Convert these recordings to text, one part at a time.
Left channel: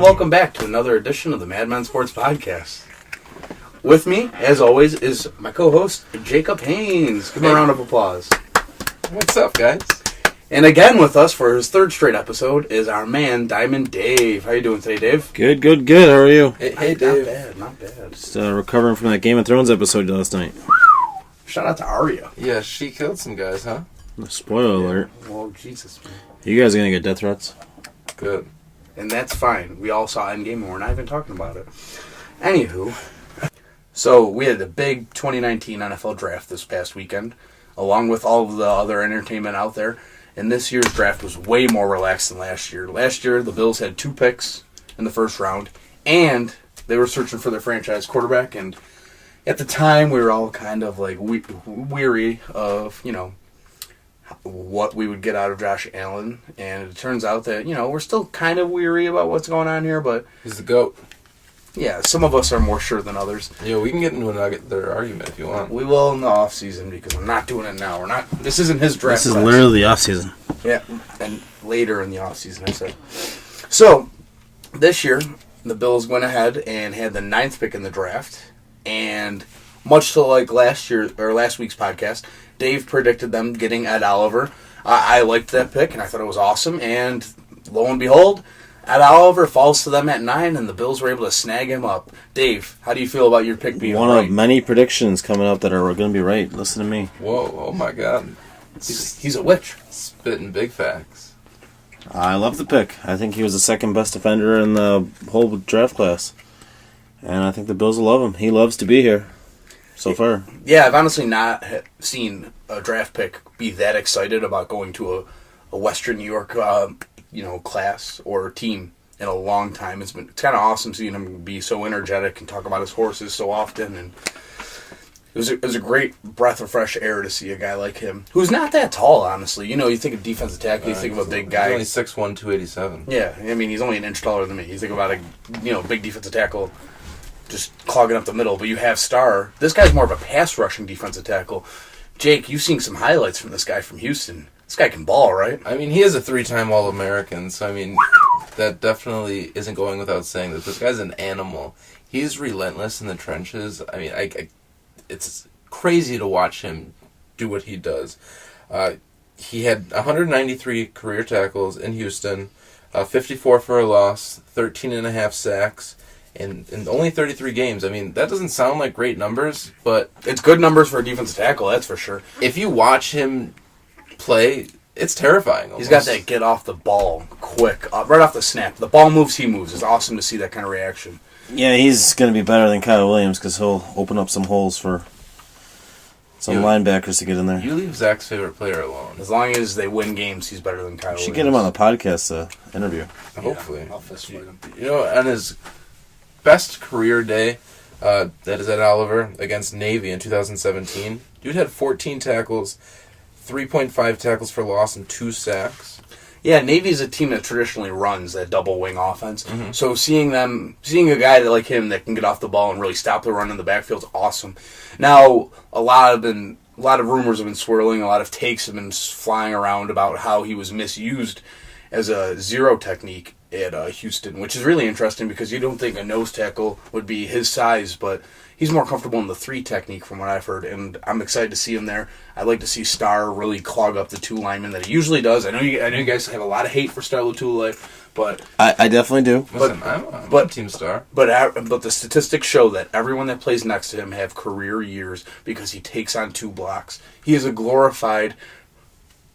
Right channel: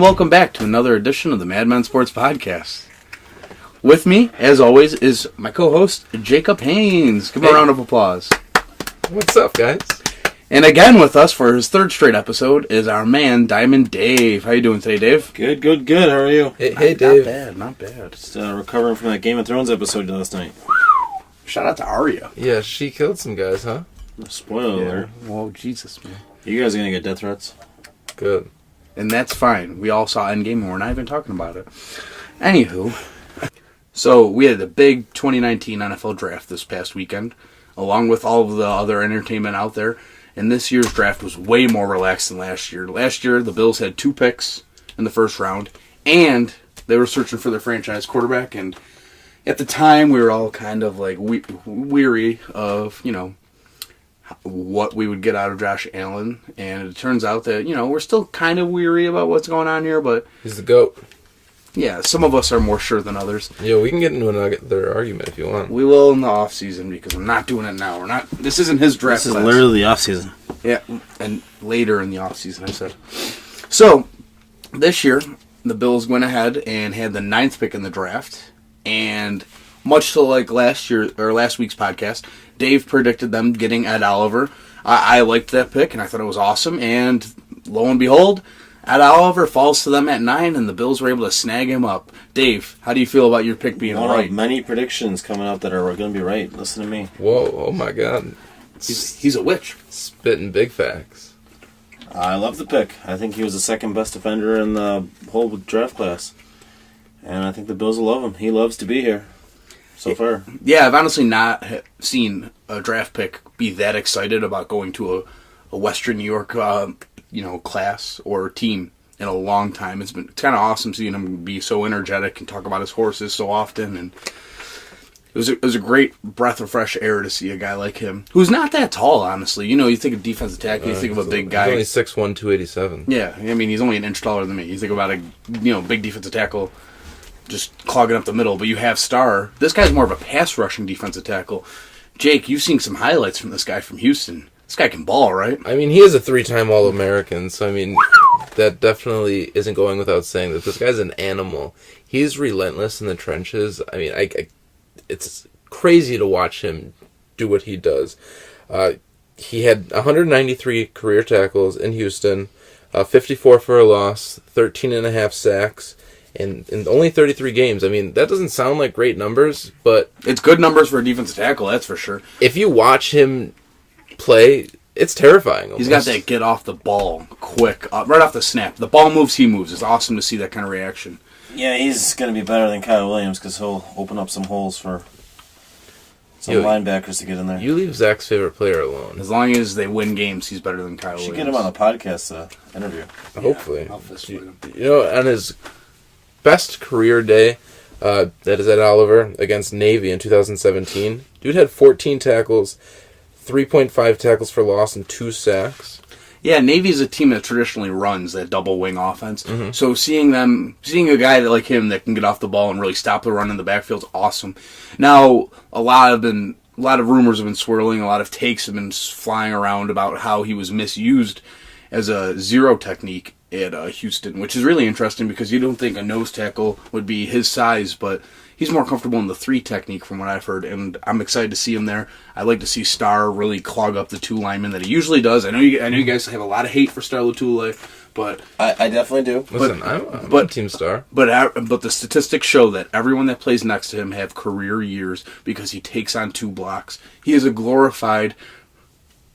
and welcome back to another edition of the Madmen Sports Podcast. With me, as always, is my co-host, Jacob Haynes. Give him a round of applause. What's up, guys? And again with us for his third straight episode is our man, Diamond Dave. How you doing today, Dave? Good. How are you? Hey, Dave. Not bad. Just recovering from that Game of Thrones episode last night. Shout out to Arya. Yeah, she killed some guys, huh? Spoiler alert. Oh, Jesus, man. You guys are going to get death threats? Good. And that's fine. We all saw Endgame and we're not even talking about it. Anywho, so we had a big 2019 NFL draft this past weekend, along with all of the other entertainment out there. And this year's draft was way more relaxed than last year. Last year, the Bills had 2 picks in the first round, and they were searching for their franchise quarterback. And at the time, we were all kind of like weary of, what we would get out of Josh Allen. And it turns out that, we're still kind of weary about what's going on here, but He's the GOAT. yeah, some of us are more sure than others. Yeah, we can get into another argument if you want. We will in the off season because I'm not doing it now. This isn't his draft. This is class. literally the off season. Yeah, and later in the off season, I said. So, this year, the Bills went ahead and had the 9th pick in the draft, and much to like last week's podcast, Dave predicted them getting Ed Oliver. I liked that pick, and I thought it was awesome, and lo and behold, Ed Oliver falls to them at 9, and the Bills were able to snag him up. Dave, how do you feel about your pick being One right? of many predictions coming up that are going to be right. Listen to me. Whoa, oh my God. He's a witch. Spitting big facts. I love the pick. I think he was the second best defender in the whole draft class. And I think the Bills will love him. He loves to be here so far. Yeah, I've honestly not seen a draft pick be that excited about going to a Western New York, class or team in a long time. It's kind of awesome seeing him be so energetic and talk about his horses so often. And it was a great breath of fresh air to see a guy like him, who's not that tall, honestly. You think of defensive tackle, you think of a big guy. He's only 6'1", 287. Yeah, I mean, he's only an inch taller than me. You think about a big defensive tackle just clogging up the middle, but you have Starr. This guy's more of a pass-rushing defensive tackle. Jake, you've seen some highlights from this guy from Houston. This guy can ball, right? I mean, he is a 3-time All-American, so I mean, that definitely isn't going without saying that this guy's an animal. He's relentless in the trenches. I mean, it's crazy to watch him do what he does. He had 193 career tackles in Houston, 54 for a loss, 13 and a half sacks, and in only 33 games. I mean, that doesn't sound like great numbers, but it's good numbers for a defensive tackle, that's for sure. If you watch him play, it's terrifying almost. He's got that get off the ball quick, right off the snap. The ball moves, he moves. It's awesome to see that kind of reaction. Yeah, he's going to be better than Kyle Williams because he'll open up some holes for some linebackers to get in there. You leave Zack's favorite player alone. As long as they win games, he's better than Kyle Williams. Should get him on the podcast interview. Hopefully. I'll fist fight him. On his best career day, that is Ed Oliver against Navy in 2017. Dude had 14 tackles, 3.5 tackles for loss, and 2 sacks. Yeah, Navy's a team that traditionally runs that double wing offense. Mm-hmm. So seeing a guy like him that can get off the ball and really stop the run in the backfield is awesome. Now, a lot of rumors have been swirling, a lot of takes have been flying around about how he was misused as a zero technique at Houston, which is really interesting because you don't think a nose tackle would be his size, but he's more comfortable in the 3 technique from what I've heard, and I'm excited to see him there. I'd like to see Starr really clog up the 2 linemen that he usually does. I know you guys have a lot of hate for Starr Lotulelei, but I definitely do. Listen, I'm on Team Starr. But the statistics show that everyone that plays next to him have career years because he takes on 2 blocks. He is a glorified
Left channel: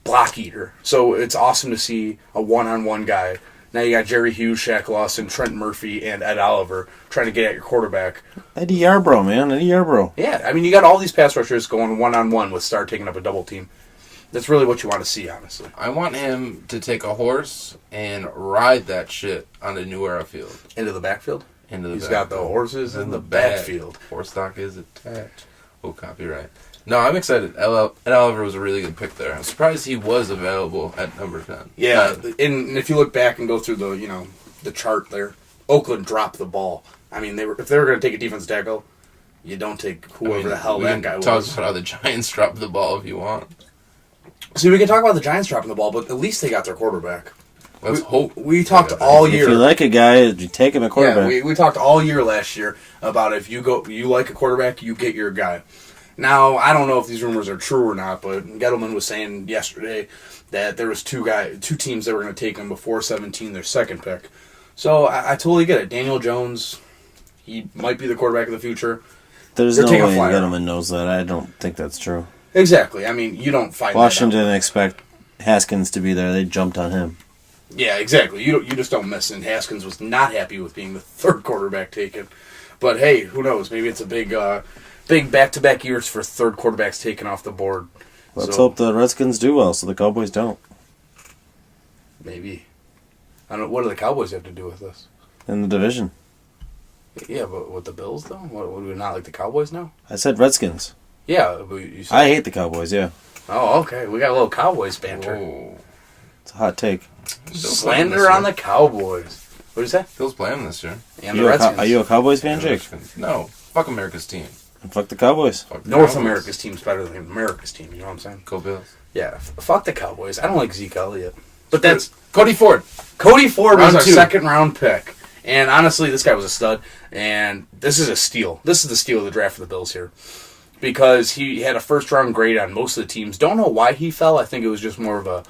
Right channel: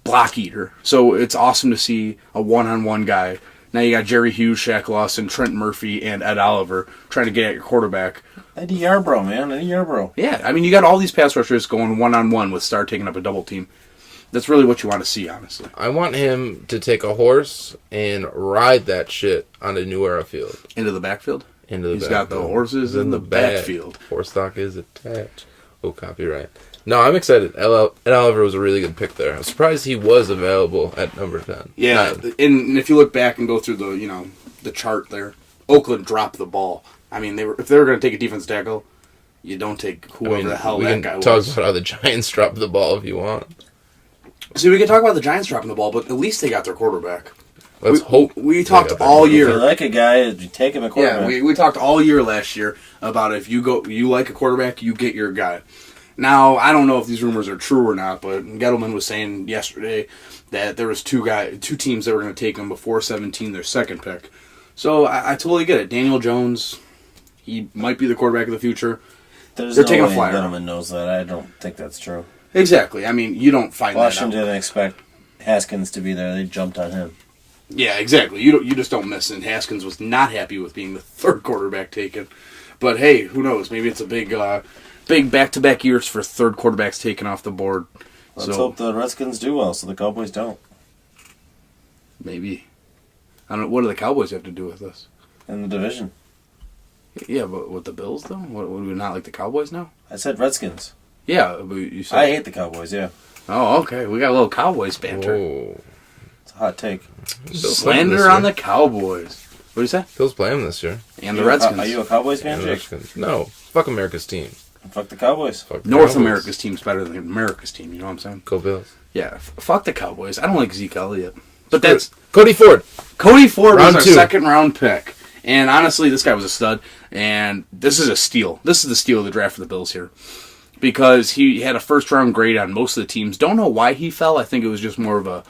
block eater. So it's awesome to see a one-on-one guy. Now you got Jerry Hughes, Shaq Lawson, Trent Murphy, and Ed Oliver trying to get at your quarterback. Eddie Yarbrough, man. Eddie Yarbrough. Yeah, I mean, you got all these pass rushers going one-on-one with Starr taking up a double team. That's really what you want to see, honestly. I want him to take a horse and ride that shit on a New Era field. Into the backfield? He's got the horses in the backfield. Horse stock is attached. Oh, copyright. No, I'm excited. Ed Oliver was a really good pick there. I'm surprised he was available at number 10. Yeah, and if you look back and go through the chart there, Oakland dropped the ball. I mean, if they were going to take a defensive tackle, you don't take whoever the hell that guy was. We can talk about how the Giants dropped the ball if you want. See, we can talk about the Giants dropping the ball, but at least they got their quarterback. Let's hope. We talked all year. If you like a guy, you take him a quarterback. Yeah, we talked all year last year about if you like a quarterback, you get your guy. Now, I don't know if these rumors are true or not, but Gettleman was saying yesterday that there was two teams that were going to take him before 17, their second pick. So I totally get it. Daniel Jones, he might be the quarterback of the future. There's no way Gettleman knows that. I don't think that's true. Exactly. I mean, you don't find Washington didn't expect Haskins to be there. They jumped on him. Yeah, exactly. You just don't miss. And Haskins was not happy with being the third quarterback taken. But hey, who knows? Maybe it's a big back-to-back years for third quarterbacks taken off the board. Let's hope the Redskins do well, so the Cowboys don't. Maybe. I don't know. What do the Cowboys have to do with this? In the division. Yeah, but with the Bills though, would we not like the Cowboys now? I said Redskins. Yeah, but you said... I hate the Cowboys. Yeah. Oh, okay. We got a little Cowboys banter. Whoa. It's a hot take. Slander on the Cowboys. What did you say? Bill's playing this year. And the Redskins. Are you a Cowboys fan, Jake? No. Fuck America's team. And fuck the Cowboys. Fuck the North Cowboys. America's team's better than America's team. You know what I'm saying? Go Bills. Yeah. Fuck the Cowboys. I don't like Zeke Elliott. But that's... Cody Ford. Cody Ford Round was our 2. second-round pick. And honestly, this guy was a stud. And this is a steal. This is the steal of the draft for the Bills here. Because he had a first-round grade on most of the teams. Don't know why he fell. I think it was just more of a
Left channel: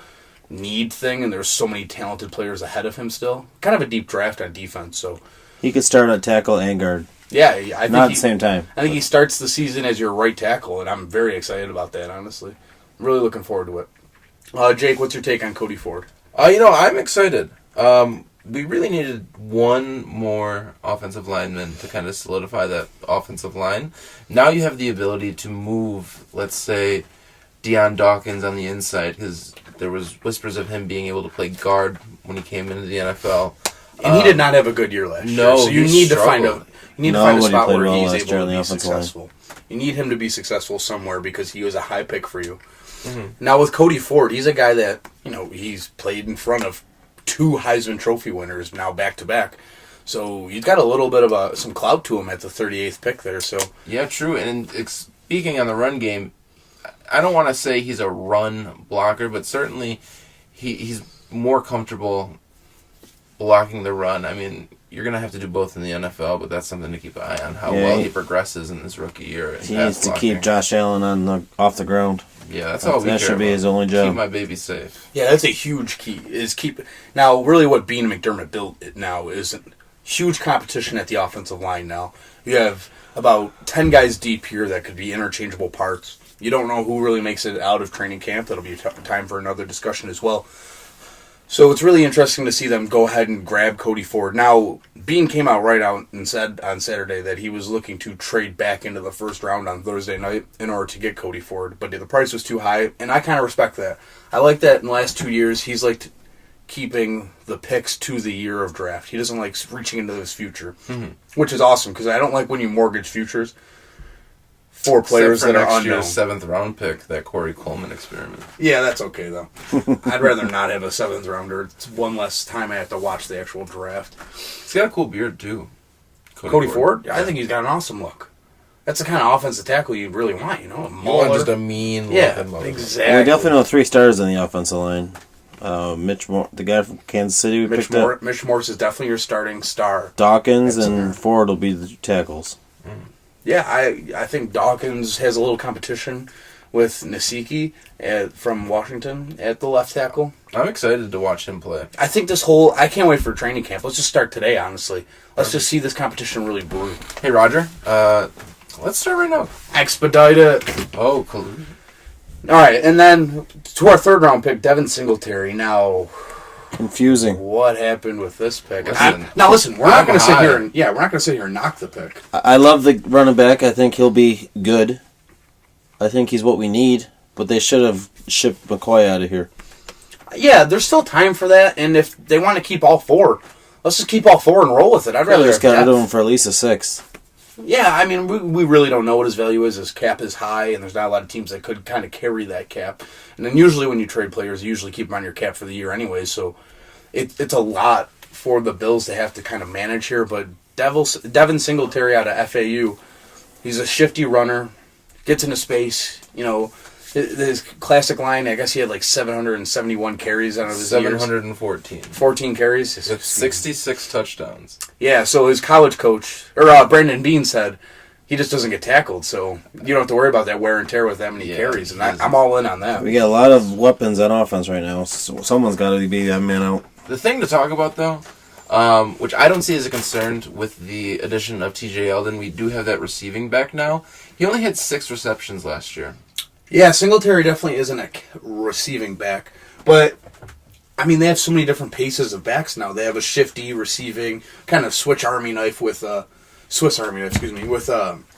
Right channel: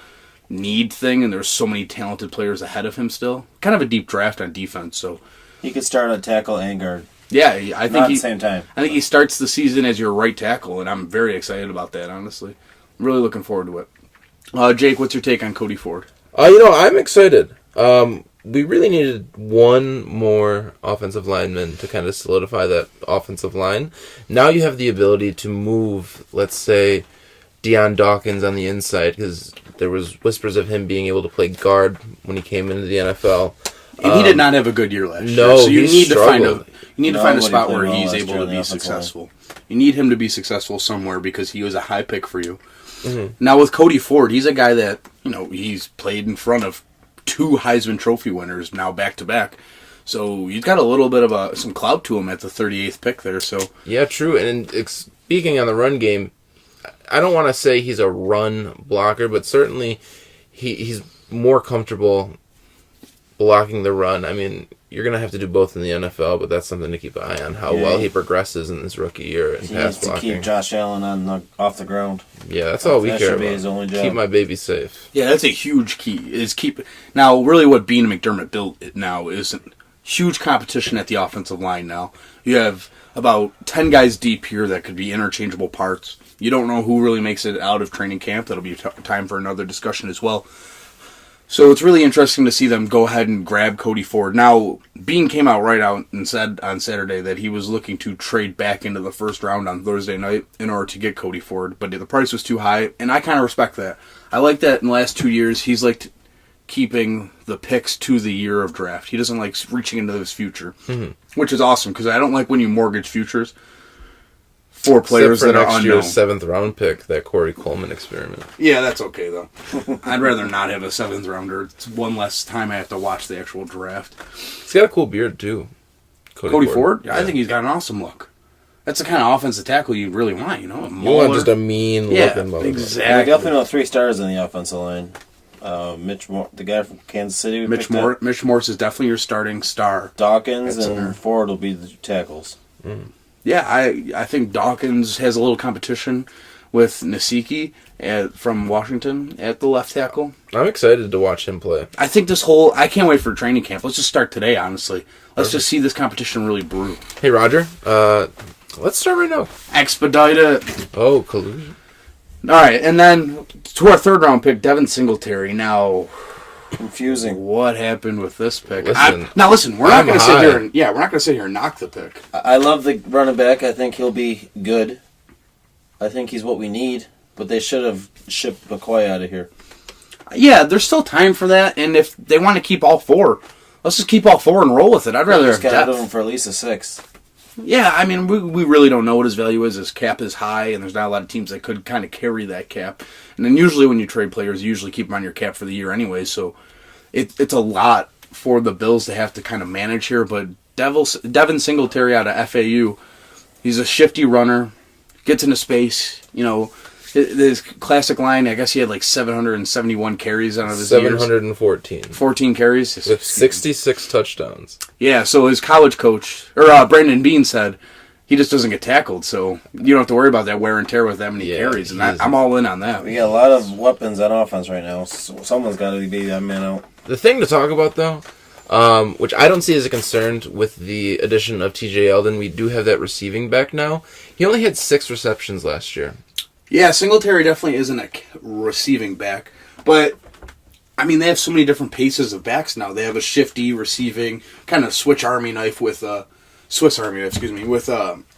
need thing, and there's so many talented players ahead of him still. Kind of a deep draft on defense, so... He could start at tackle and guard. Yeah, I think not at the same time. I think he starts the season as your right tackle, and I'm very excited about that, honestly. I'm really looking forward to it. Jake, what's your take on Cody Ford? I'm excited. We really needed one more offensive lineman to kind of solidify that offensive line. Now you have the ability to move, let's say, Deion Dawkins on the inside, because there was whispers of him being able to play guard when he came into the NFL. And he did not have a good year last year. No, so you he need struggled. to find a spot where well he's last year able on to the be offensive line. successful. You need him to be successful somewhere because he was a high pick for you. Mm-hmm. Now with Cody Ford, he's a guy that, he's played in front of 2 Heisman Trophy winners now back-to-back. So he's got a little bit of some clout to him at the 38th pick there. So yeah, true. And speaking on the run game, I don't want to say he's a run blocker, but certainly he's more comfortable blocking the run. I mean, you're going to have to do both in the NFL, but that's something to keep an eye on, how well he progresses in this rookie year. He needs to keep Josh Allen off the ground. Yeah, that's all we care about. That should be his only job. Keep my baby safe. yeah, that's a huge key. Now, really what Bean and McDermott built now is huge competition at the offensive line now. You have about 10 guys deep here that could be interchangeable parts. You don't know who really makes it out of training camp. That'll be time for another discussion as well. So it's really interesting to see them go ahead and grab Cody Ford. Now, Bean came out right out and said on Saturday that he was looking to trade back into the first round on Thursday night in order to get Cody Ford, but the price was too high, and I kind of respect that. I like that in the last 2 years he's liked keeping the picks to the year of draft. He doesn't like reaching into his future, which is awesome because I don't like when you mortgage futures for players Except for that are next unknown. year's 7th round pick, that Corey Coleman experiment. Yeah, that's okay, though. I'd rather not have a 7th rounder. It's one less time I have to watch the actual draft. He's got a cool beard, too. Cody Ford? Yeah. I think he's got an awesome look. That's the kind of offensive tackle you really want, You want just a mean-looking motherfucker. exactly. And we definitely know 3 stars on the offensive line. Mitch Moore, the guy from Kansas City we picked up. Mitch Morse is definitely your starting star. Dawkins and Ford will be the tackles. Yeah, I think Dawkins has a little competition with Nasiki from Washington at the left tackle. I'm excited to watch him play. I think I can't wait for training camp. Let's just start today, honestly. Let's just see this competition really brew. Hey, Roger. Let's start right now. Expedite it. Oh, collusion. All right, and then to our 3rd round pick, Devin Singletary. Now, Confusing. what happened with this pick? Listen, we're not going to sit here and we're not going to sit here and knock the pick. I love the running back. I think he'll be good. I think he's what we need, but they should have shipped McCoy out of here. Yeah, there's still time for that, and if they want to keep all 4, let's just keep all 4 and roll with it. I'd rather just got rid of him for at least a 6. Yeah, I mean, we really don't know what his value is. His cap is high, and there's not a lot of teams that could kind of carry that cap. And then usually when you trade players, you usually keep them on your cap for the year anyway, so it's a lot for the Bills to have to kind of manage here. But Devin Singletary out of FAU, he's a shifty runner, gets into space, His classic line, I guess he had like 771 carries out of his 714. 14 carries. With 66 touchdowns. Yeah, so his college coach, or Brandon Bean said, he just doesn't get tackled, so you don't have to worry about that wear and tear with that many carries. And I'm all in on that. We got a lot of weapons on offense right now, so someone's got to be that man out. The thing to talk about, though, which I don't see as a concern with the addition of TJ Yeldon, we do have that receiving back now. He only had 6 receptions last year. Yeah, Singletary definitely isn't a receiving back, but I mean they have so many different paces of backs now. They have a shifty receiving kind of Swiss Army knife with LaShawn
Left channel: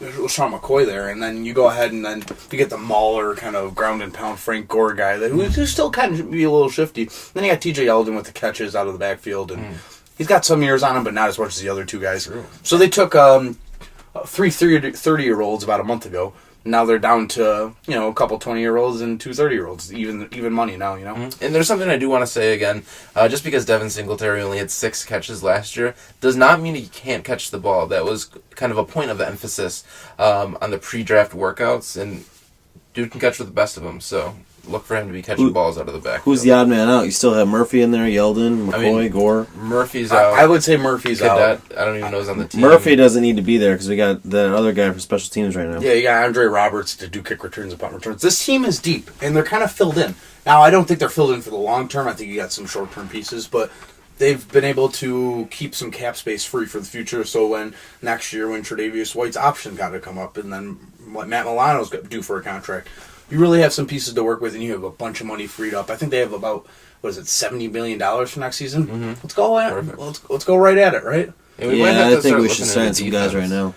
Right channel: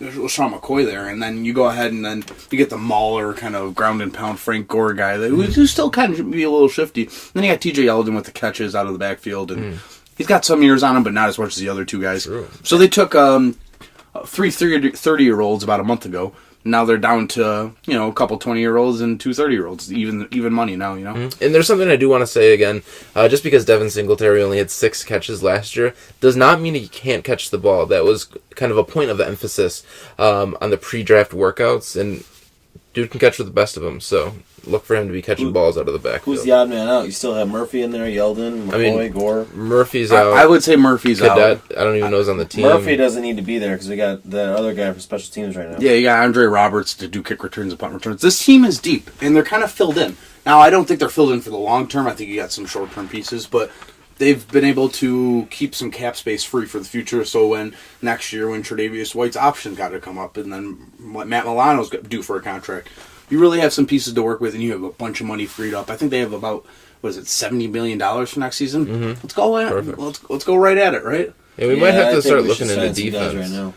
McCoy there, and then you go ahead and then you get the mauler kind of ground and pound Frank Gore guy who's still kind of be a little shifty. Then you got TJ Yeldon with the catches out of the backfield, and he's got some years on him, but not as much as the other two guys. True. So they took 3 30-year-olds about a month ago. Now they're down to, a couple 20-year-olds and 2 30-year-olds, even money now, And there's something I do want to say again. Just because Devin Singletary only had 6 catches last year does not mean he can't catch the ball. That was kind of a point of emphasis on the pre-draft workouts, and dude can catch with the best of them, so look for him to be catching balls out of the backfield. Who's the odd man out? You still have Murphy in there, Yeldon, McCoy, Gore. Murphy's out. I would say Murphy's Cadet, out. I don't even know who's on the team. Murphy doesn't need to be there because we got the other guy for special teams right now. Yeah, you got Andre Roberts to do kick returns and punt returns. This team is deep, and they're kind of filled in. Now, I don't think they're filled in for the long term. I think you got some short-term pieces, but they've been able to keep some cap space free for the future, so when next year, when Tre'Davious White's option got to come up, and then Matt Milano's due for a contract, you really have some pieces to work with, and you have a bunch of money freed up. I think they have about, $70 million for next season? Mm-hmm. Let's go at it. Let's go right at it, right? Yeah, we might have to start looking at into the guys right now.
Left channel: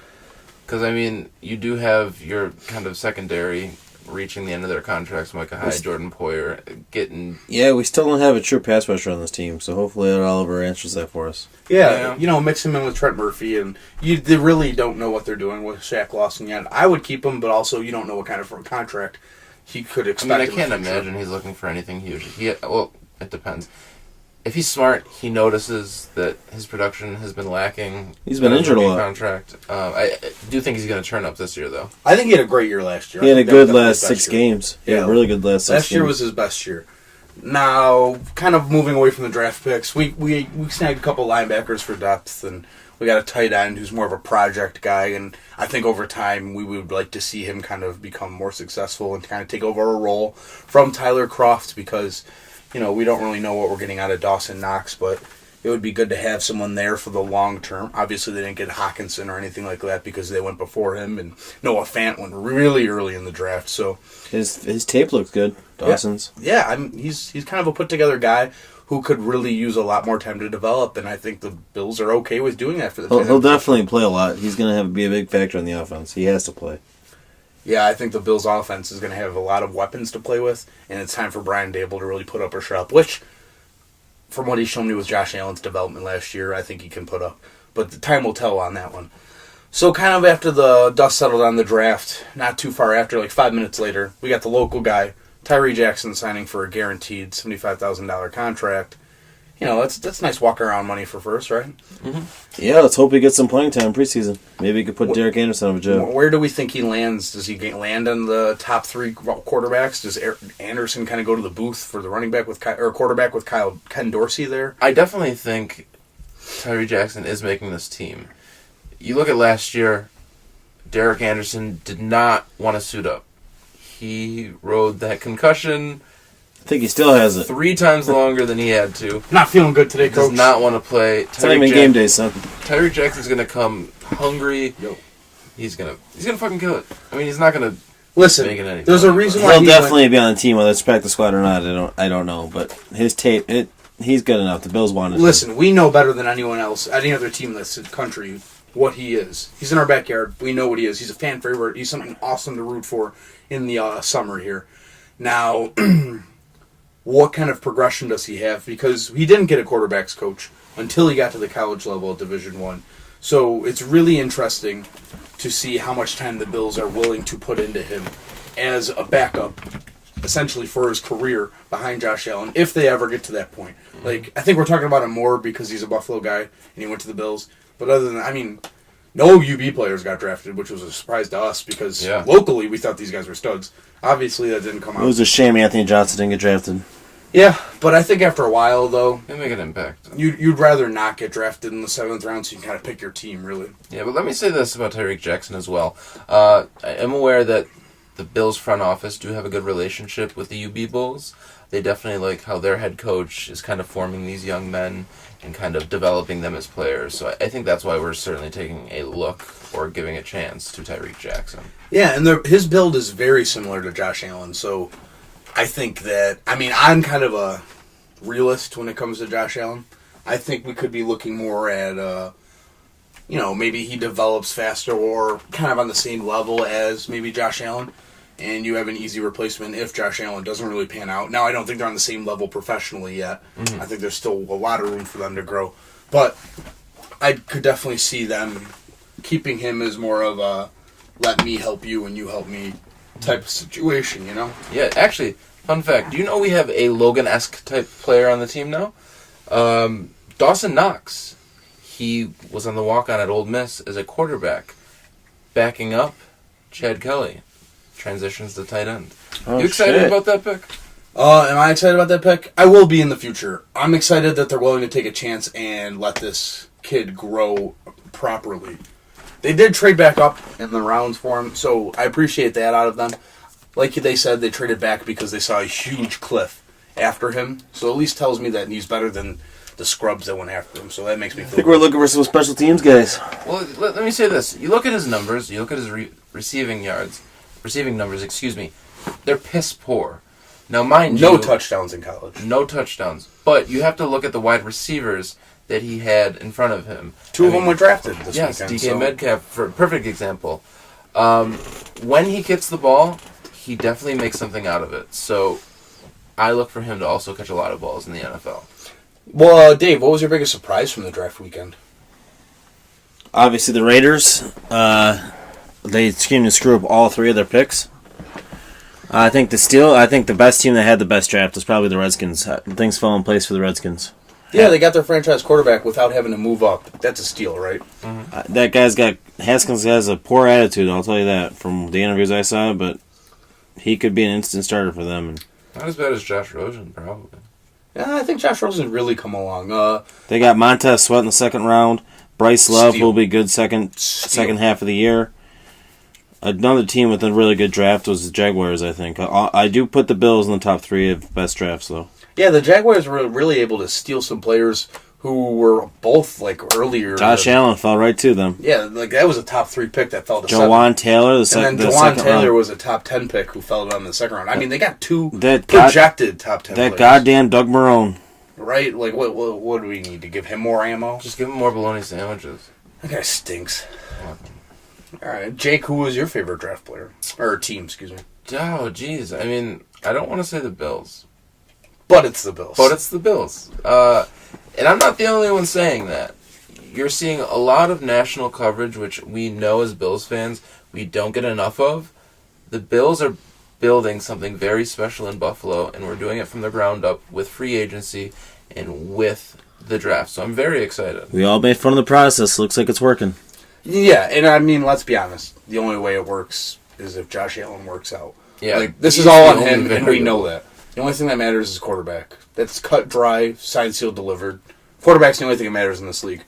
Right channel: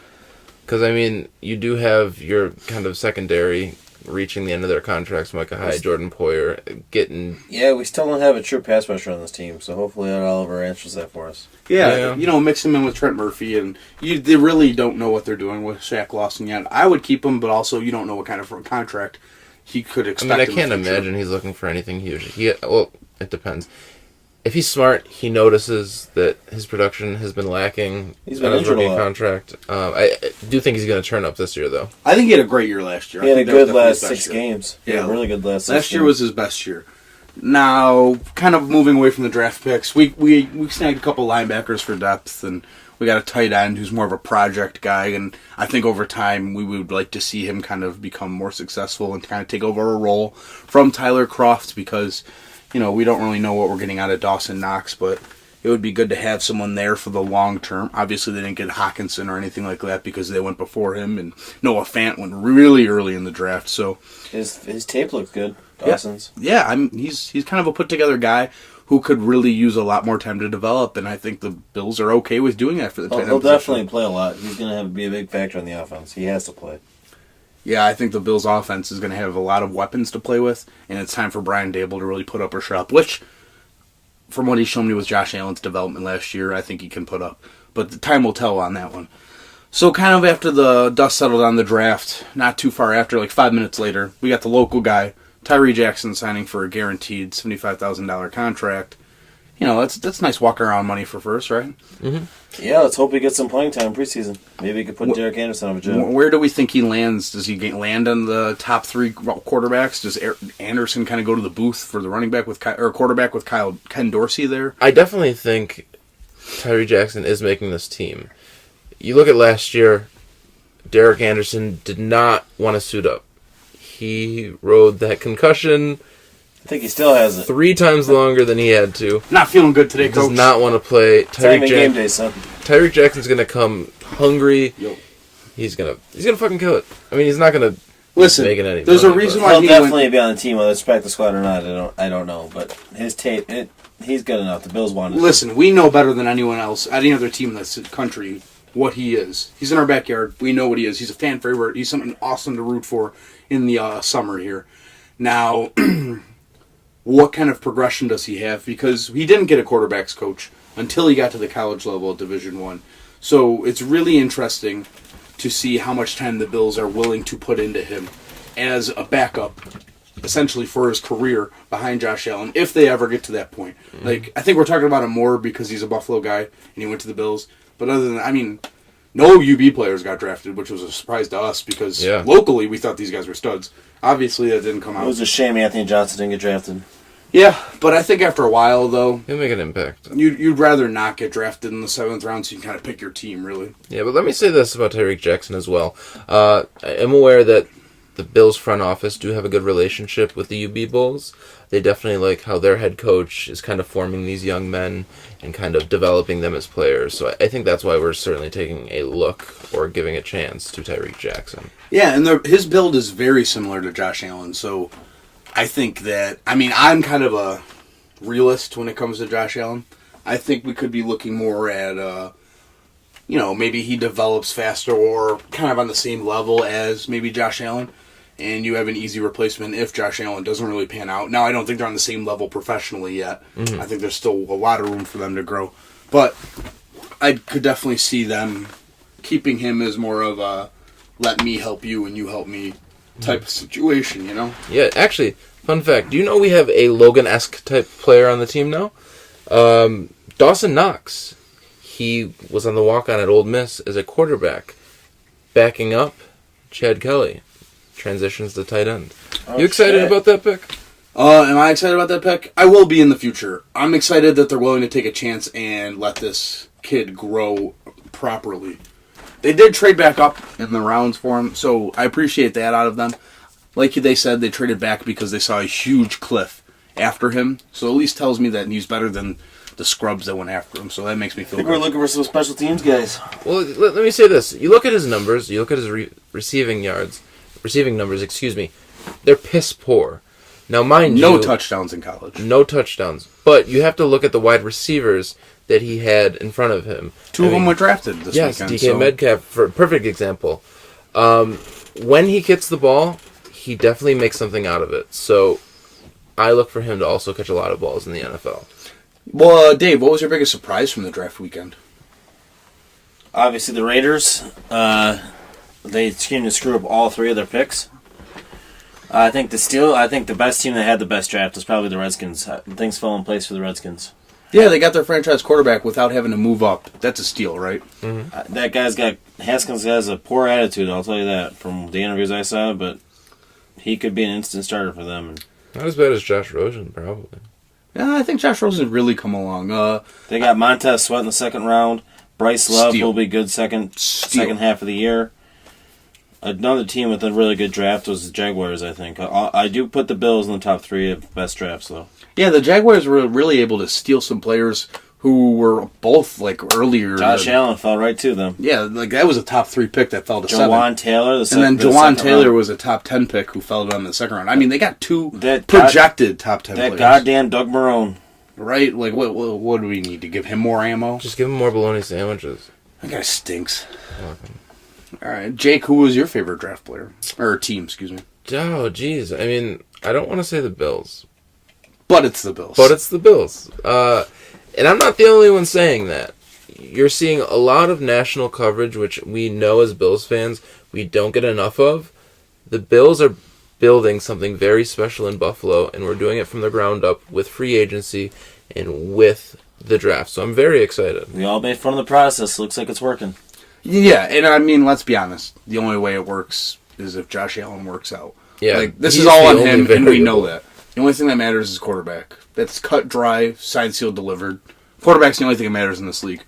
Because, you do have your kind of secondary reaching the end of their contracts, Micah Hyde, Jordan Poyer, getting... Yeah, we still don't have a true pass rusher on this team, so hopefully Oliver answers that for us. Yeah, mix him in with Trent Murphy, and they really don't know what they're doing with Shaq Lawson yet. I would keep him, but also you don't know what kind of contract he could expect. I can't imagine he's looking for anything huge. It depends. If he's smart, he notices that his production has been lacking. He's been injured a lot. Contract. I do think he's going to turn up this year, though. I think he had a great year last year. He had a good last 6 games. He had a really good last 6 games. Last year was his best year. Now, kind of moving away from the draft picks, we snagged a couple linebackers for depth, and we got a tight end who's more of a project guy, and I think over time we would like to see him kind of become more successful and kind of take over a role from Tyler Kroft because, we don't really know what we're getting out of Dawson Knox, but it would be good to have someone there for the long term. Obviously, they didn't get Hawkinson or anything like that because they went before him, and Noah Fant went really early in the draft. So his tape looks good, Dawson's. Yeah, he's kind of a put-together guy who could really use a lot more time to develop, and I think the Bills are okay with doing that for the team. He'll definitely play a lot. He's going to be a big factor in the offense. He has to play. Yeah, I think the Bills' offense is going to have a lot of weapons to play with, and it's time for Brian Dable to really put up or shut up, which, from what he's shown me with Josh Allen's development last year, I think he can put up. But the time will tell on that one. So kind of after the dust settled on the draft, not too far after, like 5 minutes later, we got the local guy, Tyree Jackson, signing for a guaranteed $75,000 contract. That's nice walk-around money for first, right? Mm-hmm. Yeah, let's hope he gets some playing time preseason. Maybe he could put Derek Anderson on a job. Where do we think he lands? Does he land on the top 3 quarterbacks? Does Anderson kind of go to the booth for the running back quarterback with Ken Dorsey there? I definitely think Tyree Jackson is making this team. You look at last year, Derek Anderson did not want to suit up. He rode that concussion. I think he still has it. 3 times longer than he had to. Not feeling good today, He Coach. does not want to play. Game day, son. Tyreek Jackson's gonna come hungry. Yep. He's gonna fucking kill it. He's not gonna make it any. There's a reason why he'll definitely be on the team, whether it's practice squad or not. I don't know, but his tape, he's good enough. The Bills want him. Listen, we know better than anyone else, any other team in this country, what he is. He's in our backyard. We know what he is. He's a fan favorite. He's something awesome to root for in the summer here. Now. What kind of progression does he have? Because he didn't get a quarterback's coach until he got to the college level at Division I. So it's really interesting to see how much time the Bills are willing to put into him as a backup, essentially for his career behind Josh Allen, if they ever get to that point. Mm-hmm. I think we're talking about him more because he's a Buffalo guy and he went to the Bills. But other than that, No UB players got drafted, which was a surprise to us because locally we thought these guys were studs. Obviously, that didn't come out. It was a shame Anthony Johnson didn't get drafted. Yeah, but I think after a while, though, he'll make an impact. You'd rather not get drafted in the 7th round, so you can kind of pick your team, really. Yeah, but let me say this about Tyreek Jackson as well. I am aware that the Bills front office do have a good relationship with the UB Bulls. They definitely like how their head coach is kind of forming these young men and kind of developing them as players. So I think that's why we're certainly taking a look or giving a chance to Tyreek Jackson. Yeah, and his build is very similar to Josh Allen, so I think that, I'm kind of a realist when it comes to Josh Allen. I think we could be looking more at, maybe he develops faster or kind of on the same level as maybe Josh Allen, and you have an easy replacement if Josh Allen doesn't really pan out. Now, I don't think they're on the same level professionally yet. I think there's still a lot of room for them to grow. But I could definitely see them keeping him as more of a let me help you and you help me type of situation, Yeah, actually, fun fact. Do you know we have a Logan-esque type player on the team now? Dawson Knox. He was on the walk-on at Ole Miss as a quarterback, backing up Chad Kelly. Transitions to tight end. You excited about that pick? Am I excited about that pick? I will be in the future. I'm excited that they're willing to take a chance and let this kid grow properly. They did trade back up in the rounds for him, so I appreciate that out of them. Like they said, they traded back because they saw a huge cliff after him, so at least tells me that he's better than the scrubs that went after him, so that makes me feel I think we're looking for some special teams guys. Well, let me say this. You look at his numbers, you look at his receiving numbers, they're piss poor. Now, mind you... No touchdowns in college. No touchdowns. But you have to look at the wide receivers that he had in front of him. Two of them were drafted this weekend. DK Metcalf, for a perfect example. When he gets the ball, he definitely makes something out of it. So I look for him to also catch a lot of balls in the NFL. Well, Dave, what was your biggest surprise from the draft weekend? Obviously, the Raiders. They seem to screw up all three of their picks. I think the best team that had the best draft was probably the Redskins. Things fell in place for the Redskins. Yeah, they got their franchise quarterback without having to move up. That's a steal, right? Mm-hmm. Haskins has a poor attitude, I'll tell you that, from the interviews I saw, but he could be an instant starter for them. Not as bad as Josh Rosen, probably. Yeah, I think Josh Rosen really come along. They got Montez Sweat in the second round. Bryce Love will be good second half of the year. Another team with a really good draft was the Jaguars, I think. I do put the Bills in the top 3 of best drafts, though. Yeah, the Jaguars were really able to steal some players who were both, earlier. Josh Allen fell right to them. Yeah, that was a top 3 pick that fell to Jawan Taylor, and then Jawan Taylor was a top 10 pick who fell to them in the second round. They got 2 projected top 10 players. That goddamn Doug Marrone. Right? What do we need to give him more ammo? Just give him more bologna sandwiches. That guy stinks. All right, Jake, who was your favorite draft player? Or team, excuse me. Oh, jeez. I don't want to say the Bills. But it's the Bills. And I'm not the only one saying that. You're seeing a lot of national coverage, which we know as Bills fans we don't get enough of. The Bills are building something very special in Buffalo, and we're doing it from the ground up with free agency and with the draft. So I'm very excited. We all made fun of the process. Looks like it's working. Yeah, and let's be honest. The only way it works is if Josh Allen works out. Yeah, this is all on him, and we know that. The only thing that matters is quarterback. That's cut, dry, signed, sealed, delivered. Quarterback's the only thing that matters in this league.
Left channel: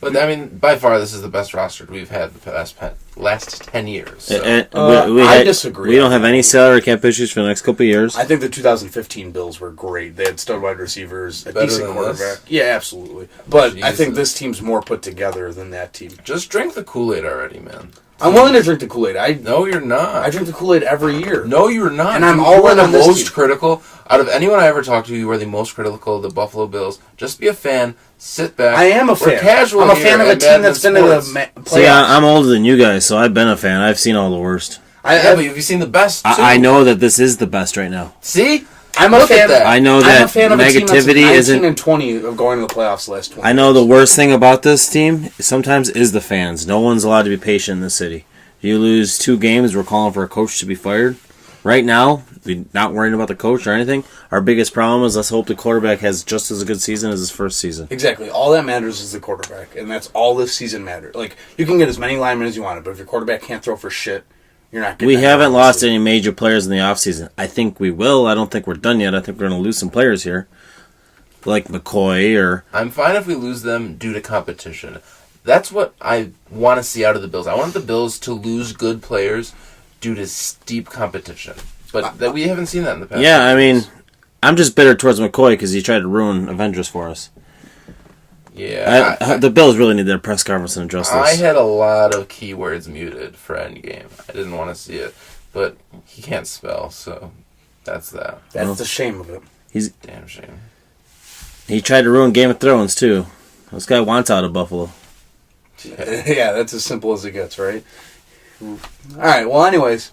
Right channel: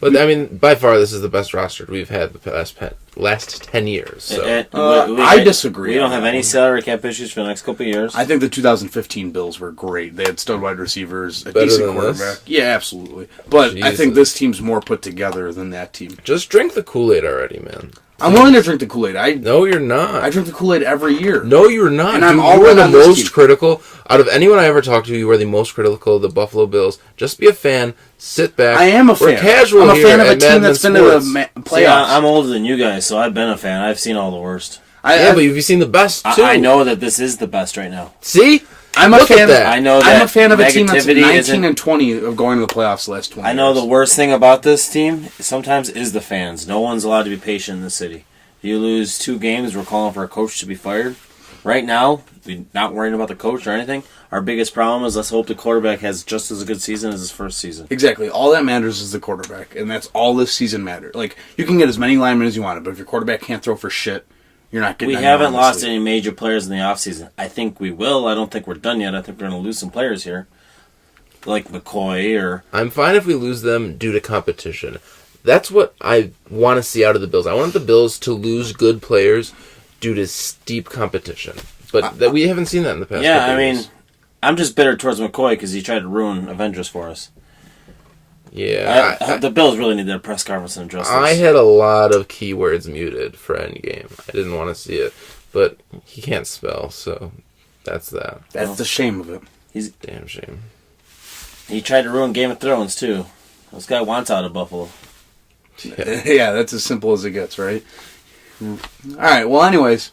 But, by far, this is the best roster we've had the last 10 years. So. I disagree. We don't have any salary cap issues for the next couple of years. I think the 2015 Bills were great. They had stud wide receivers, a better decent than quarterback. This? Yeah, absolutely. But Jesus. I think this team's more put together than that team. Just drink the Kool-Aid already, man. I'm willing to drink the Kool-Aid. No, you're not. I drink the Kool-Aid every year. No, you're not. And you are the most critical. Out of anyone I ever talked to, you are the most critical of the Buffalo Bills. Just be a fan. Sit back. I am a fan. We're casual I'm a here fan of a at team Madmen that's been in the Sports. See, I'm older than you guys, so I've been a fan. I've seen all the worst. But have you seen the best, too? I know that this is the best right now. See? Look at that. I know that I'm a fan of negativity a isn't... 19 and 20 of going to the playoffs the last 20 I know the worst thing about this team sometimes is the fans. No one's allowed to be patient in this city. If you lose 2 games, we're calling for a coach to be fired. right now, we're not worrying about the coach or anything. Our biggest problem is let's hope the quarterback has just as a good season as his first season. Exactly. All that matters is the quarterback, and that's all this season matters. Like, you can get as many linemen as you want, but if your quarterback can't throw for shit, you're not getting We haven't lost any major players in the offseason. I think we will. I don't think we're done yet. I think we're going to lose some players here, like McCoy or... I'm fine if we lose them due to competition. That's what I want to see out of the Bills. I want the Bills to lose good players due to steep competition. But that we haven't seen that in the past. Yeah, I mean, I'm just bitter towards McCoy because he tried to ruin Avengers for us. Yeah. The Bills really need their press conference and address this. I had a lot of keywords muted for Endgame. I didn't want to see it. But he can't spell, so that's that. That's the shame of it. Damn shame. He tried to ruin Game of Thrones, too. This guy wants out of Buffalo. Yeah, that's as simple as it gets, right? Alright, well, anyways,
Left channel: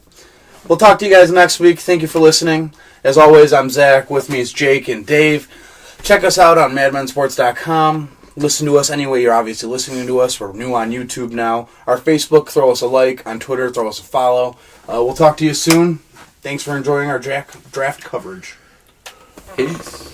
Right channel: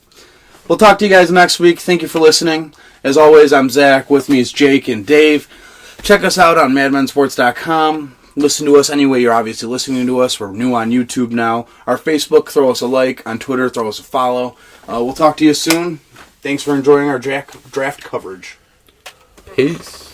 we'll talk to you guys next week. Thank you for listening. As always, I'm Zach. With me is Jake and Dave. Check us out on madmensports.com. Listen to us anyway you're obviously listening to us. We're new on YouTube now. Our Facebook, throw us a like. On Twitter, throw us a follow. We'll talk to you soon. Thanks for enjoying our draft coverage. Peace.